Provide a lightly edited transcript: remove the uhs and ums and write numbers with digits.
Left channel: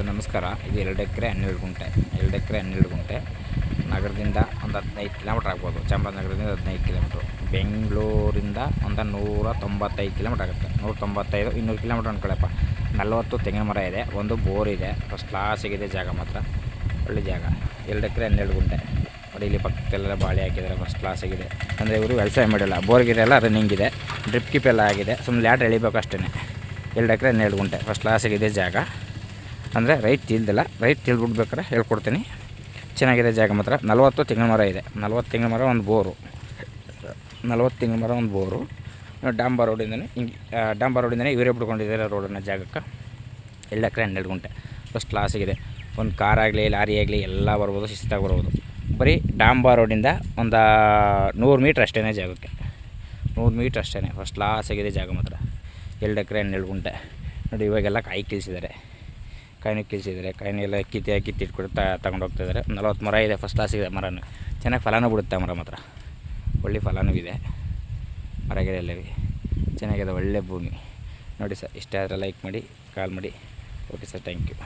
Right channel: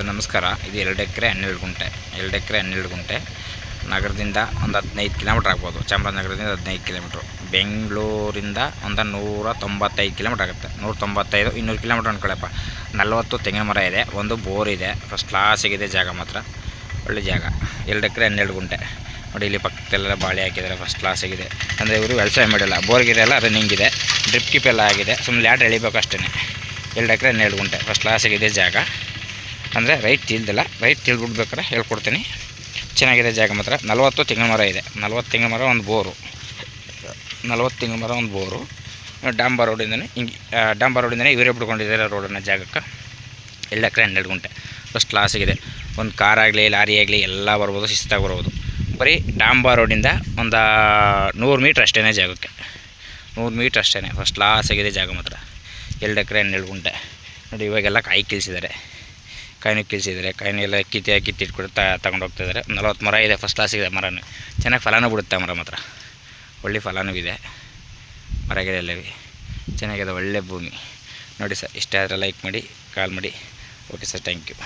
Sir ನಮಸ್ಕಾರ. ಇದು 2 ಎಕರೆ 12 ಗುಂಟೆ ನಗರದಿಂದ ಒಂದು 15 ಕಿಲೋಮೀಟ್ರ್ ಆಗ್ಬೋದು. ಚಾಮರಾಜನಗರದಿಂದ 15 ಕಿಲೋಮೀಟ್ರು. ಬೆಂಗಳೂರಿಂದ ಒಂದು 195 ಕಿಲೋಮೀಟ್ರ್ ಆಗುತ್ತೆ. 195 200 ಕಿಲೋಮೀಟ್ರ್ ಅಂದ್ಕೊಳ್ಳಪ್ಪ. 40 ತೆಂಗಿನ ಮರ ಇದೆ, ಒಂದು ಬೋರ್ ಇದೆ. ಫಸ್ಟ್ ಕ್ಲಾಸಿಗಿದೆ ಜಾಗ ಮಾತ್ರ, ಒಳ್ಳೆ ಜಾಗ. 2 ಎಕರೆ 12 ಗುಂಟೆ ನೋಡಿ. ಇಲ್ಲಿ ಪಕ್ಕದಲ್ಲೆಲ್ಲ ಬಾಳೆ ಹಾಕಿದ್ದಾರೆ, ಫಸ್ಟ್ ಕ್ಲಾಸಾಗಿದೆ. ಅಂದರೆ ಇವರು ವ್ಯವಸಾಯ ಮಾಡಿಲ್ಲ, ಬೋರ್ಗಿರೆಲ್ಲ ರನ್ನಿಂಗ್ ಇದೆ, ಡ್ರಿಪ್ ಕಿಪ್ ಎಲ್ಲ ಆಗಿದೆ. ಸುಮ್ಮನೆ ಲ್ಯಾಡ್ರ್ ಎಳಿಬೇಕು ಅಷ್ಟೇ. 2 ಎಕರೆ 12 ಗುಂಟೆ ಫಸ್ಟ್ ಕ್ಲಾಸಾಗಿದೆ ಜಾಗ. ಅಂದರೆ ರೈಟ್ ತಿಳ್ದಿಲ್ಲ, ರೈಟ್ ತಿಳ್ಬಿಡ್ಬೇಕಾರೆ ಹೇಳ್ಕೊಡ್ತೀನಿ. ಚೆನ್ನಾಗಿದೆ ಜಾಗ ಮಾತ್ರ. 40 ತೆಂಗಿನ ಮರ ಇದೆ, 40 ತೆಂಗಿನ ಮರ ಒಂದು ಬೋರು, 40 ತೆಂಗಿನ ಮರ ಒಂದು ಬೋರು. ಡಾಂಬರ್ ರೋಡಿಂದನೇ ಹಿಂಗೆ, ಡಾಂಬರ್ ರೋಡಿಂದನೇ ಇವರೇ ಬಿಡ್ಕೊಂಡಿದ್ದಾರೆ ರೋಡನ್ನು ಜಾಗಕ್ಕೆ. 2 ಎಕರೆ 12 ಗುಂಟೆ ಫಸ್ಟ್ ಕ್ಲಾಸಾಗಿದೆ. ಒಂದು ಕಾರಾಗಲಿ ಲಾರಿ ಆಗಲಿ ಎಲ್ಲ ಬರ್ಬೋದು, ಶಿಸ್ತಾಗಿ ಬರ್ಬೋದು. ಬರೀ ಡಾಂಬರ್ ರೋಡಿಂದ ಒಂದು 100 ಮೀಟ್ರ್ ಅಷ್ಟೇ ಜಾಗಕ್ಕೆ, 100 ಮೀಟ್ರ್ ಅಷ್ಟೇ. ಫಸ್ಟ್ ಕ್ಲಾಸಾಗಿದೆ ಜಾಗ ಮಾತ್ರ. 2 ಎಕರೆ 12 ಗುಂಟೆ ನೋಡಿ. ಇವಾಗೆಲ್ಲ ಕಾಯಿ ಕೀಳಿಸಿದ್ದಾರೆ, ಕಾಯಿನೂ ಎಲ್ಲ ಕಿತ್ತಿಟ್ಬಿಟ್ಟು ತಗೊಂಡು ಹೋಗ್ತಾಯಿದ್ದಾರೆ. 40 ಮರ ಇದೆ, ಫಸ್ಟ್ ಕ್ಲಾಸಿದೆ ಮರನೂ. ಚೆನ್ನಾಗಿ ಫಲನೂ ಬಿಡುತ್ತೆ ಮರ ಮಾತ್ರ, ಒಳ್ಳೆ ಫಲನೂ ಇದೆ. ಮರ ಗಿಡ ಎಲ್ಲವೇ ಚೆನ್ನಾಗಿದೆ, ಒಳ್ಳೆ ಭೂಮಿ ನೋಡಿ ಸರ್. ಇಷ್ಟ ಆದರೆ ಲೈಕ್ ಮಾಡಿ, ಕಾಲ್ ಮಾಡಿ. Okay sir, thank you.